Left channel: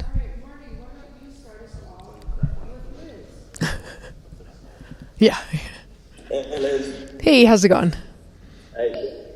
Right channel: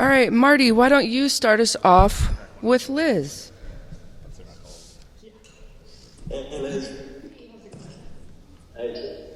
All right, Marty, why don't you start us off with Liz? Yeah. Hey, Liz. Hey, how's it going? Hey.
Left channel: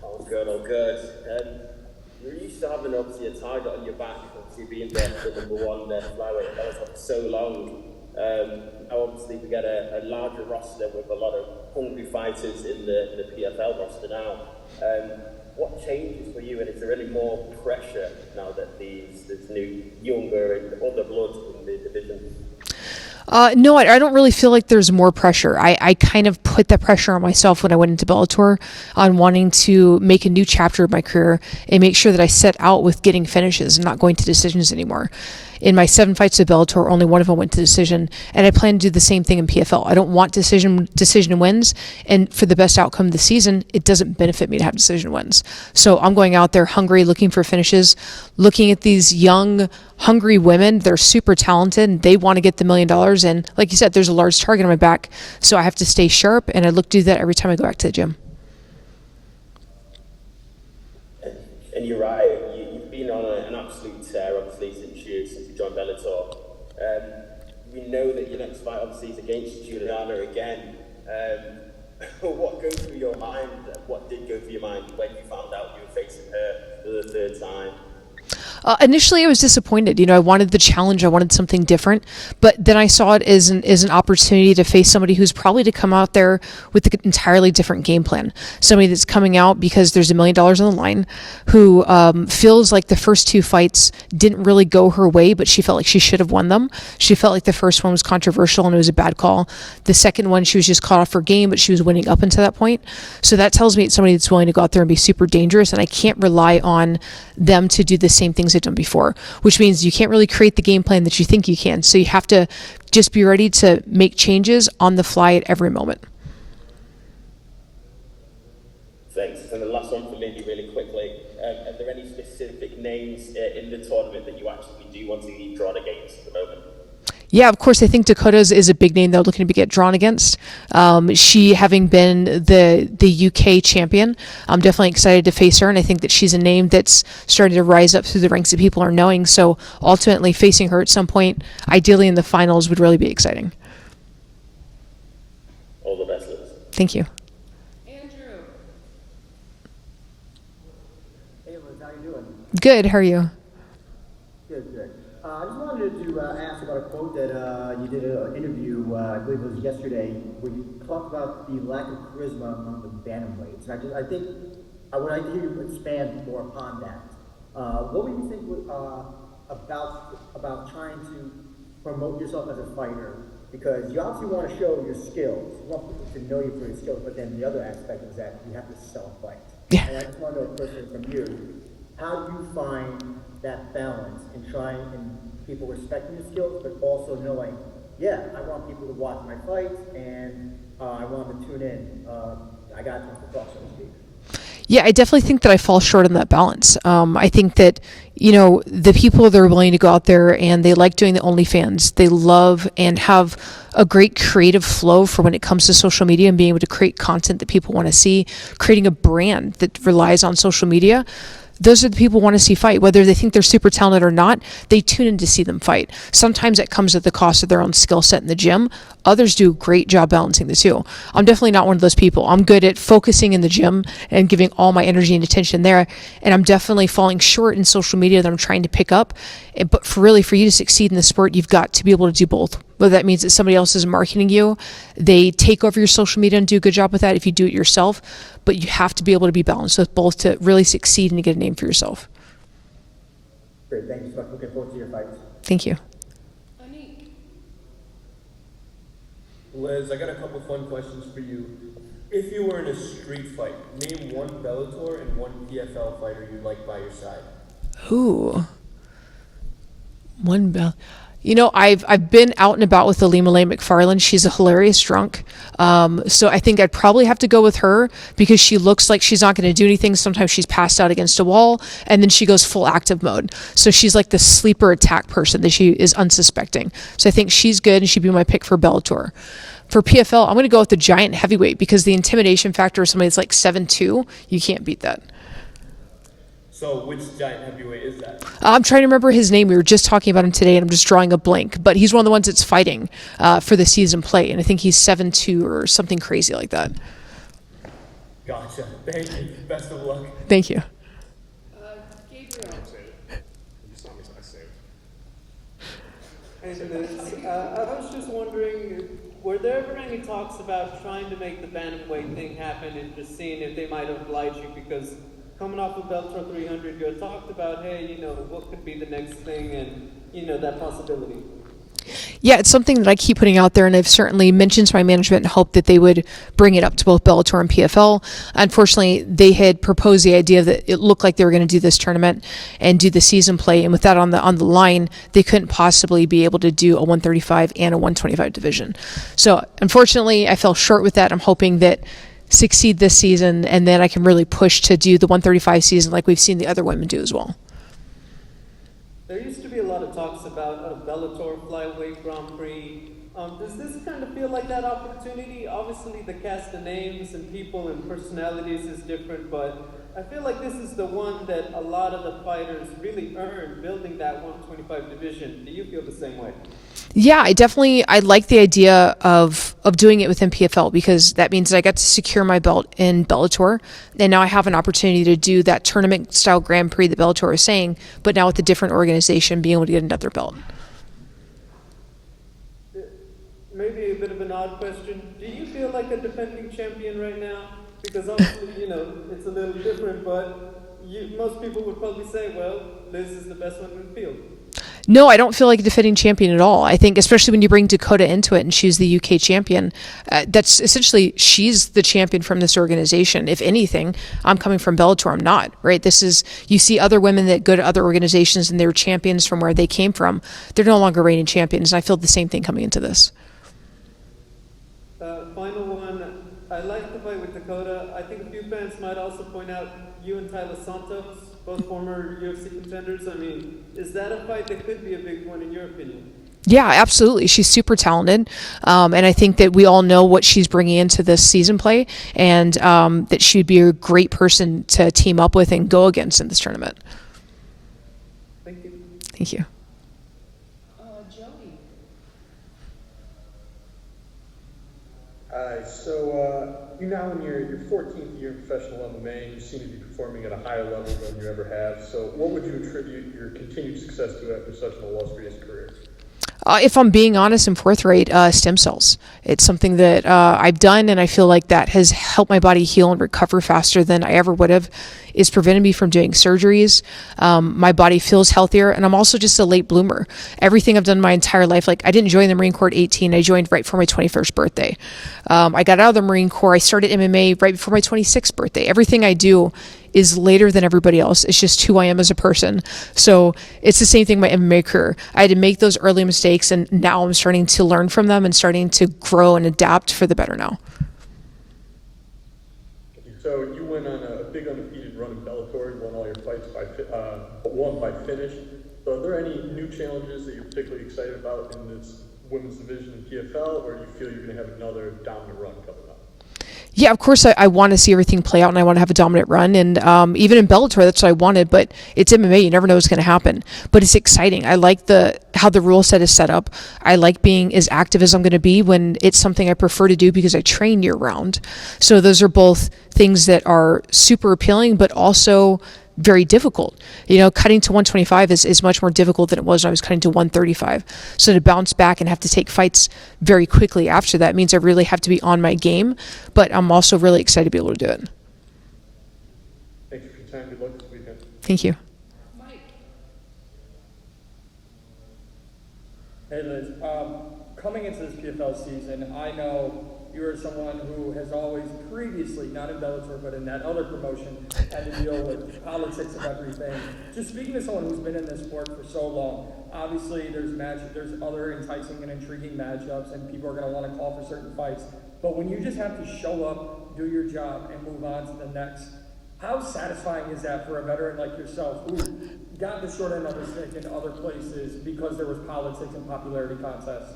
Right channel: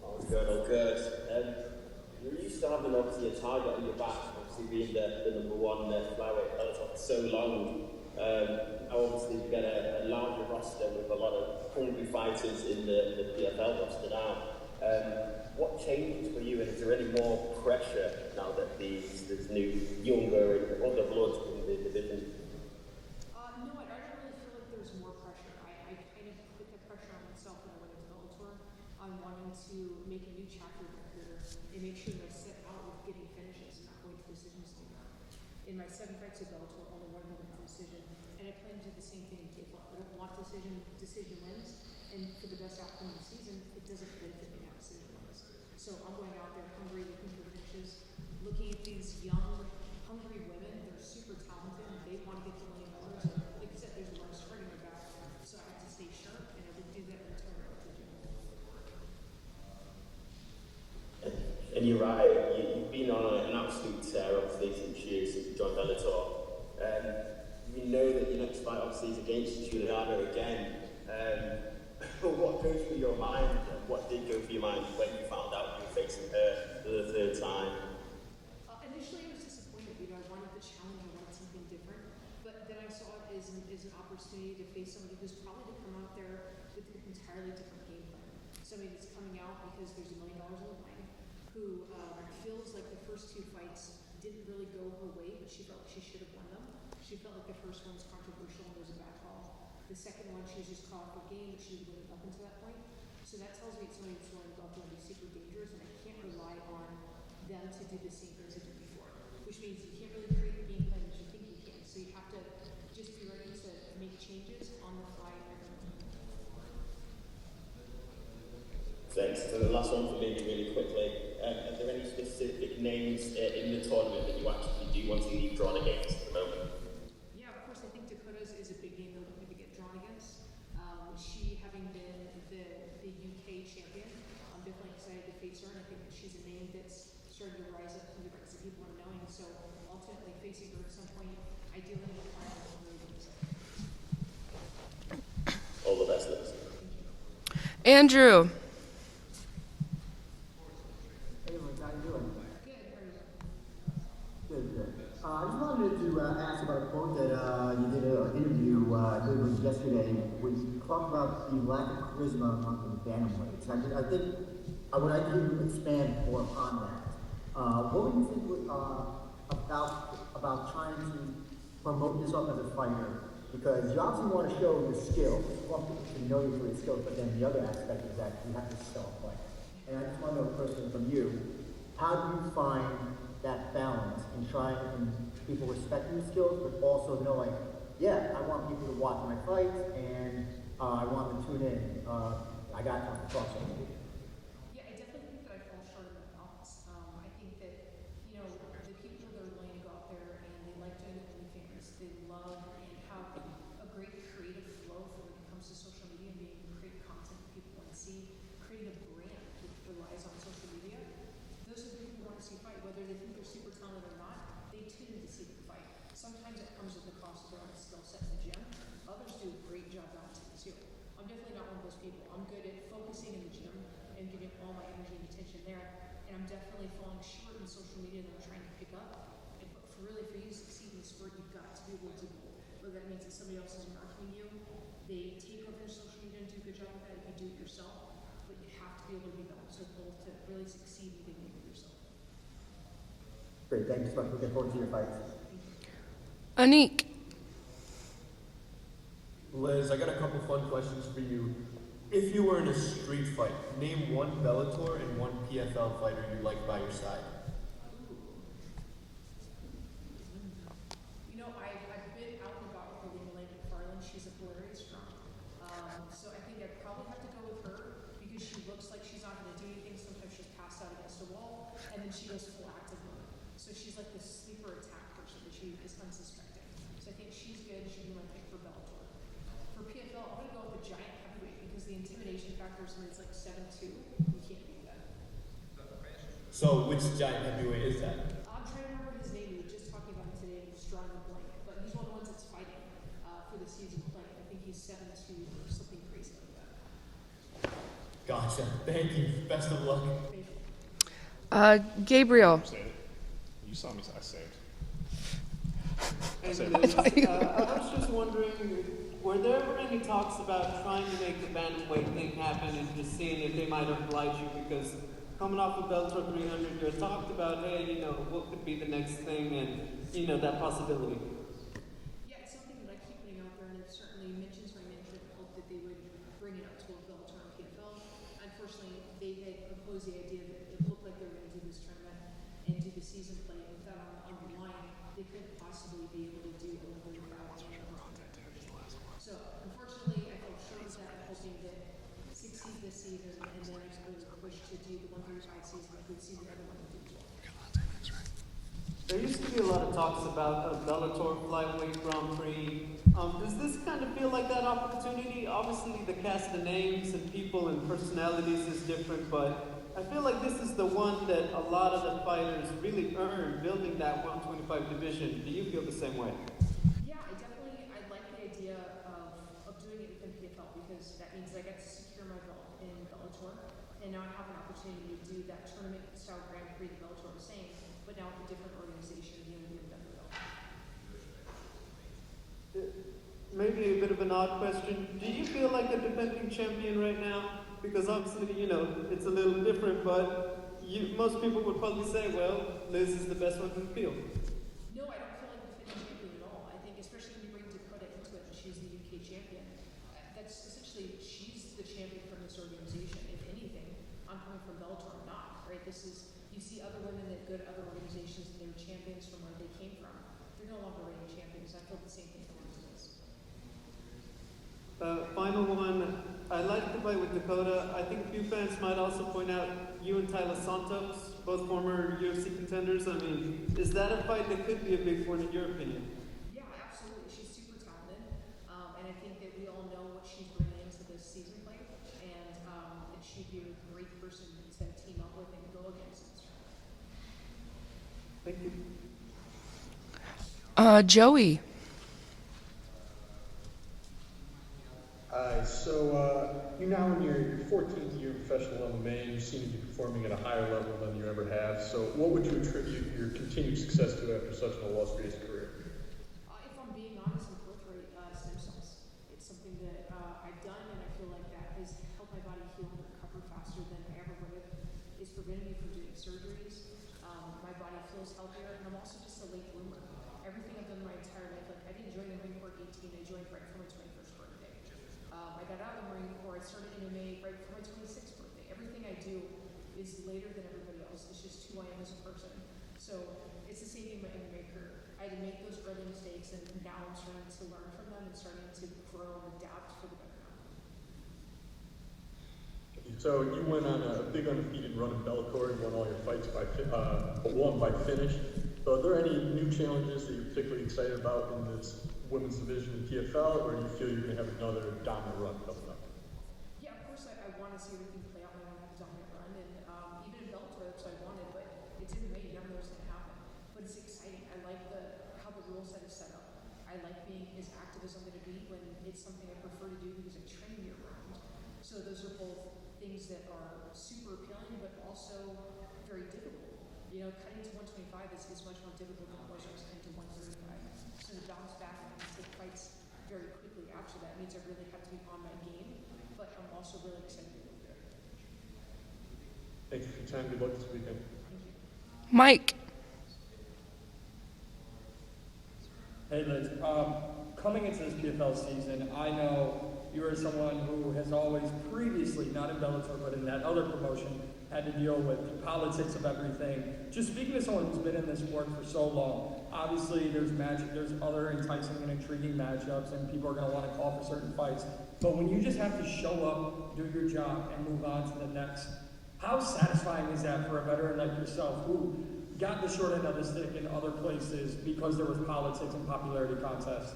All good, all good. You're used to having, obviously, a target on your back, obviously being the number one flyweight belt for so long. Now, obviously, we get a larger roster with a lot of hungry fighters in the PFL roster now. What changes for you, and is there any more pressure now that there's new, younger, and other blood in the division? No, I don't really feel like there's more pressure. I kind of put that pressure on myself when I went into Bellator on wanting to make a new chapter of my career and make sure that I set out with getting finishes and not going to decisions anymore. In my 7 fights at Bellator, only one of them went to decision, and I plan to do the same thing in PFL. I don't want decision wins, and for the best outcome of the season, it doesn't benefit me to have decision wins. So I'm going out there hungry, looking for finishes, looking at these young, hungry women. They're super talented, and they want to get the $1 million, and like you said, there's a large target on my back, so I have to stay sharp, and I look to do that every time I go back to the gym. And you're right, you've been on an absolute tear, obviously, since you joined Bellator. We know that your next fight, obviously, is against Juliana again. What goes through your mind? What did go through your mind when you found out you were facing her for the third time? Initially, I was disappointed. I wanted the challenge. I wanted something different. But then I saw it as an opportunity to face somebody who's probably to come out there with an entirely different game plan. Somebody that's coming out because there's $1 million on the line, who feels like the first 2 fights didn't really go her way, but she felt like she should have won them. She felt like the first one was controversial and it was a bad call. The second one, she was just caught off her game, but she was winning up until that point. So that tells me it's somebody that's willing to go out there and be super dangerous, and I can't rely on them to do the same things they've done before, which means you can't really create the game plan that you think you can. So you have to just be ready to make changes on the fly at every moment. Thanks. And the last one for me, really quickly. Are there any specific names in the tournament that you actually do want to be drawn against at the moment? Yeah, of course. I think Dakota's is a big name they're looking to get drawn against. She having been the UK champion, I'm definitely excited to face her, and I think that she's a name that's starting to rise up through the ranks that people are knowing. So ultimately, facing her at some point, ideally in the finals, would really be exciting. All the best, Liz. Thank you. Andrew. Hey Liz, how you doing? Good. How are you? Good. I just wanted to ask about a quote that you did an interview, I believe it was yesterday, where you talked about the lack of charisma among the bantamweights. And I think I would like to hear you expand more upon that. What would you think about trying to promote yourself as a fighter? Because you obviously want to show your skills. You want people to know you for your skills, but then the other aspect is that you have to sell a fight. Yeah. And I just want to know personally from you, how do you find that balance in trying and people respecting the skills, but also knowing, yeah, I want people to watch my fights and I want them to tune in. I got time to talk, so to speak. Yeah, I definitely think that I fall short on that balance. I think that, the people that are willing to go out there and they like doing the OnlyFans, they love and have a great creative flow for when it comes to social media and being able to create content that people want to see, creating a brand that relies on social media. Those are the people who want to see fight. Whether they think they're super talented or not, they tune in to see them fight. Sometimes it comes at the cost of their own skill set in the gym. Others do a great job balancing the two. I'm definitely not one of those people. I'm good at focusing in the gym and giving all my energy and attention there. And I'm definitely falling short in social media that I'm trying to pick up. But for you to succeed in the sport, you've got to be able to do both. Whether that means that somebody else is marketing you, they take over your social media and do a good job with that if you do it yourself. But you have to be able to be balanced with both to really succeed and to get a name for yourself. Great, thank you so much. Looking forward to your fights. Thank you. Anik. Liz, I got a couple fun questions for you. If you were in a street fight, name one Bellator and one PFL fighter you'd like by your side. Ooh. One bell. I've been out and about with Alima Lane McFarland. She's a hilarious drunk. So I think I'd probably have to go with her because she looks like she's not going to do anything. Sometimes she's passed out against a wall and then she goes full active mode. So she's like the sleeper attack person that she is unsuspecting. So I think she's good and she'd be my pick for Bellator. For PFL, I'm going to go with the giant heavyweight because the intimidation factor of somebody that's like 7'2", you can't beat that. So which giant heavyweight is that? I'm trying to remember his name. We were just talking about him today, and I'm just drawing a blank. But he's one of the ones that's fighting for the season play, and I think he's 7'2" or something crazy like that. Gotcha. Thank you. Best of luck. Thank you. Gabriel. You saw me, so I saved. And I was just wondering, were there ever any talks about trying to make the bantamweight thing happen and just seeing if they might oblige you? Because coming off of Bellator 300, you had talked about, hey, what could be the next thing and, that possibility. Yeah, it's something that I keep putting out there, and I've certainly mentioned to my management and hoped that they would bring it up to both Bellator and PFL. Unfortunately, they had proposed the idea that it looked like they were going to do this tournament and do the season play, and with that on the line, they couldn't possibly be able to do a 135 and a 125 division. So unfortunately, I fell short with that. I'm hoping that succeed this season, and then I can really push to do the 135 season like we've seen the other women do as well. There used to be a lot of talks about a Bellator flyweight Grand Prix. Does this kind of feel like that opportunity? Obviously, the cast of names and people and personalities is different, but I feel like this is the one that a lot of the fighters really earned building that 125 division. Do you feel the same way? Yeah, I like the idea of doing it within PFL, because that means that I got to secure my belt in Bellator, and now I have an opportunity to do that tournament style Grand Prix that Bellator is saying, but now with a different organization being able to get another belt. Maybe a bit of an odd question. Do you feel like a defending champion right now? Because obviously, it's a little different, but most people would probably say, well, Liz is the best one in the field. No, I don't feel like a defending champion at all. I think especially when you bring Dakota into it and she's the UK champion, that's essentially, she's the champion from this organization. If anything, I'm coming from Bellator, I'm not, right? You see other women that go to other organizations and they're champions from where they came from. They're no longer reigning champions, and I feel the same thing coming into this. Final one. I like the fight with Dakota. I think a few fans might also point out you and Tyler Santos, both former UFC contenders. I mean, is that a fight that could be a big one in your opinion? Yeah, absolutely. She's super talented. And I think that we all know what she's bringing into this season play, and that she'd be a great person to team up with and go against in this tournament. Thank you. Thank you. Joey. Hi, so you're now in your 14th year in professional MMA, and you seem to be performing at a higher level than you ever have. So what would you attribute your continued success to after such an illustrious career? If I'm being honest and forthright, stem cells. It's something that I've done, and I feel like that has helped my body heal and recover faster than I ever would have. It's prevented me from doing surgeries. My body feels healthier, and I'm also just a late bloomer. Everything I've done my entire life, like I didn't join the Marine Corps at 18. I joined right before my 21st birthday. I got out of the Marine Corps. I started MMA right before my 26th birthday. Everything I do is later than everybody else. It's just who I am as a person. So it's the same thing with my MMA career. I had to make those early mistakes, and now I'm starting to learn from them and starting to grow and adapt for the better now. So you went on a big undefeated run in Bellator. You won all your fights won by finish. So are there any new challenges that you're particularly excited about in this women's division in PFL, or do you feel you're going to have another dominant run coming up? Yeah, of course, I want to see everything play out, and I want to have a dominant run. And even in Bellator, that's what I wanted. But it's MMA; you never know what's going to happen. But it's exciting. I like how the rule set is set up. I like being as active as I'm going to be when it's something I prefer to do because I train year round. So those are both things that are super appealing, but also very difficult. Cutting to 125 is much more difficult than it was when I was cutting to 135. So to bounce back and have to take fights very quickly after that means I really have to be on my game, but I'm also really excited to be able to do it. Thank you for your time. Good luck this weekend. Thank you. Mike. Hey Liz, coming into this PFL season, I know you are someone who has always previously, not in Bellator, but in that other promotion, had to deal with politics of everything. Just speaking to someone who's been in this sport for so long, obviously there's other enticing and intriguing matchups, and people are going to want to call for certain fights. But when you just have to show up, do your job, and move on to the next, how satisfying is that for a veteran like yourself who got the short end of the stick in other places because there was politics and popularity contests?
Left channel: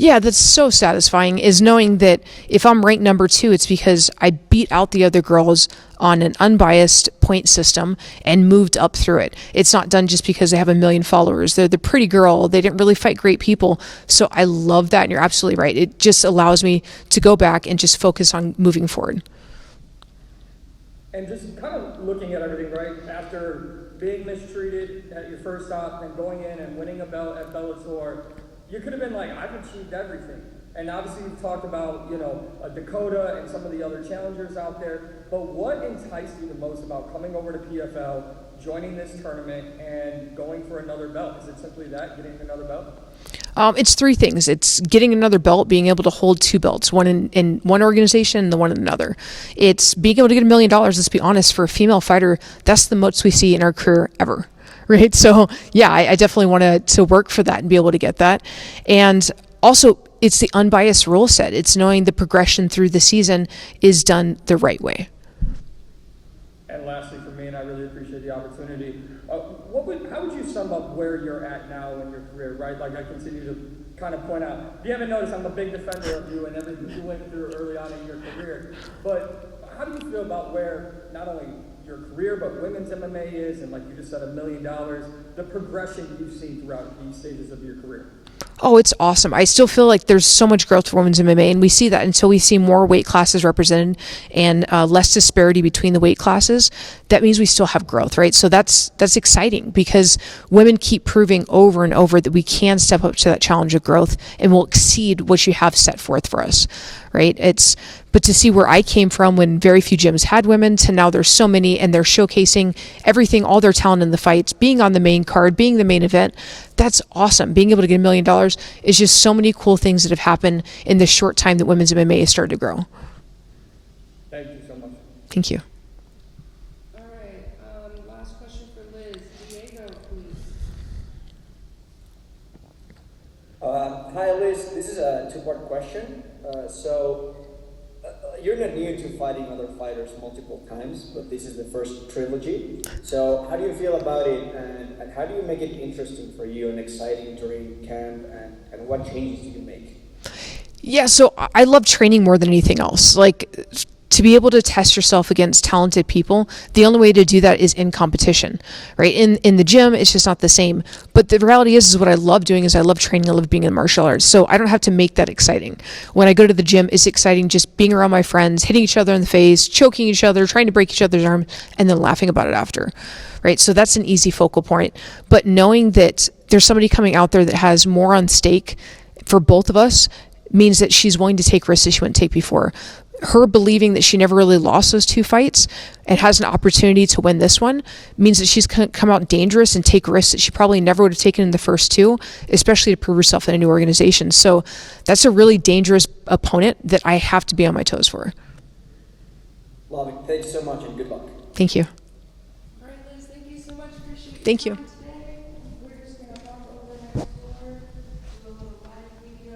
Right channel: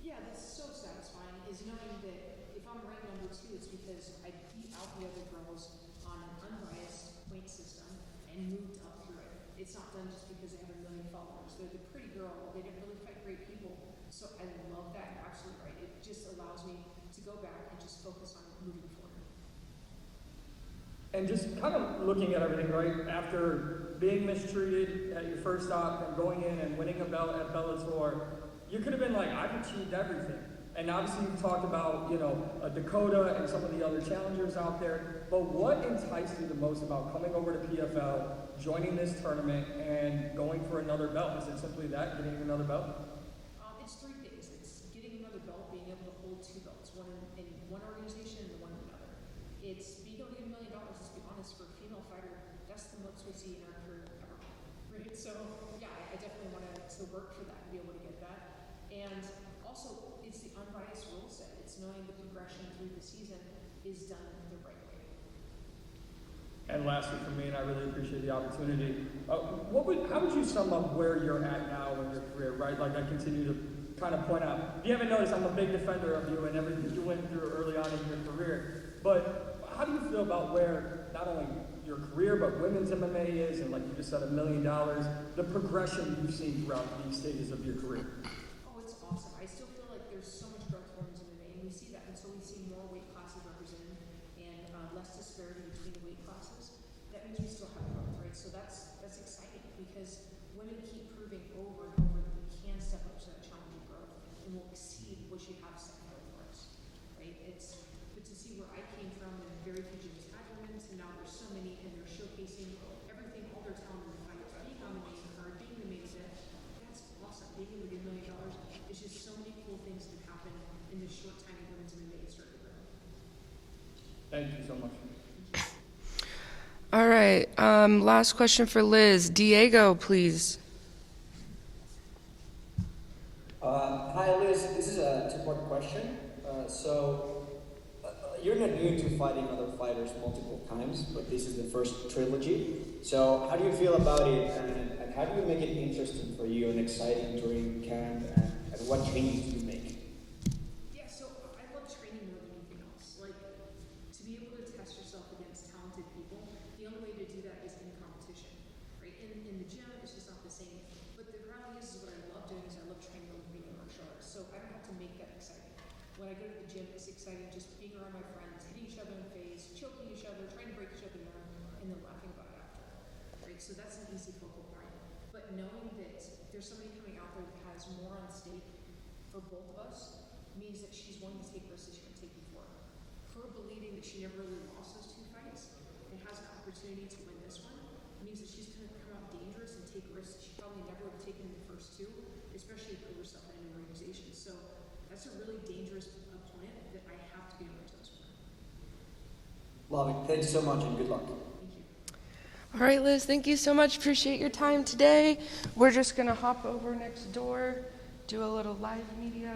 Yeah, that's so satisfying, is knowing that if I'm ranked number 2, it's because I beat out the other girls on an unbiased point system and moved up through it. It's not done just because they have a million followers. They're the pretty girl. They didn't really fight great people. So I love that, and you're absolutely right. It just allows me to go back and just focus on moving forward. And just kind of looking at everything, right? After being mistreated at your first stop and going in and winning a belt at Bellator, you could have been like, I've achieved everything. And obviously you've talked about, you know, Dakota and some of the other challengers out there, but what enticed you the most about coming over to PFL, joining this tournament, and going for another belt? Is it simply that, getting another belt? It's 3 things. It's getting another belt, being able to hold 2 belts, one in one organization and the one in another. It's being able to get $1 million, let's be honest, for a female fighter. That's the most we see in our career ever. Right? So yeah, I definitely want to work for that and be able to get that. And also, it's the unbiased rule set. It's knowing the progression through the season is done the right way. And lastly for me, and I really appreciate the opportunity, how would you sum up where you're at now in your career, right? Like I continue to kind of point out, if you haven't noticed, I'm a big defender of you and everything you went through early on in your career. But how do you feel about where not only your career, but women's MMA is, and like you just said, $1 million, the progression you've seen throughout these stages of your career? Oh, it's awesome. I still feel like there's so much growth for women's MMA, and we see that until we see more weight classes represented and less disparity between the weight classes. That means we still have growth, right? So that's exciting, because women keep proving over and over that we can step up to that challenge of growth and will exceed what you have set forth for us, right? But to see where I came from when very few gyms had women to now there's so many, and they're showcasing everything, all their talent in the fights, being on the main card, being the main event, that's awesome. Being able to get $1 million is just so many cool things that have happened in the short time that women's MMA has started to grow. Thank you so much. Thank you. All right. Last question for Liz. Diego, please. Hi, Liz. This is a 2-part question. You're not new to fighting other fighters multiple times, but this is the first trilogy. So how do you feel about it, and how do you make it interesting for you and exciting during camp, and what changes do you make? Yeah, so I love training more than anything else. Like, to be able to test yourself against talented people, the only way to do that is in competition, right? In the gym, it's just not the same. But the reality is what I love doing is I love training, I love being in martial arts. So I don't have to make that exciting. When I go to the gym, it's exciting just being around my friends, hitting each other in the face, choking each other, trying to break each other's arm, and then laughing about it after, right? So that's an easy focal point. But knowing that there's somebody coming out there that has more on stake for both of us means that she's willing to take risks that she wouldn't take before. Her believing that she never really lost those 2 fights and has an opportunity to win this one means that she's going to come out dangerous and take risks that she probably never would have taken in the first 2, especially to prove herself in a new organization. So that's a really dangerous opponent that I have to be on my toes for. Love it. Thanks so much, and good luck. Thank you. All right, Liz, thank you so much. Appreciate your Thank you. time today. We're just going to hop over next door, do a little live media.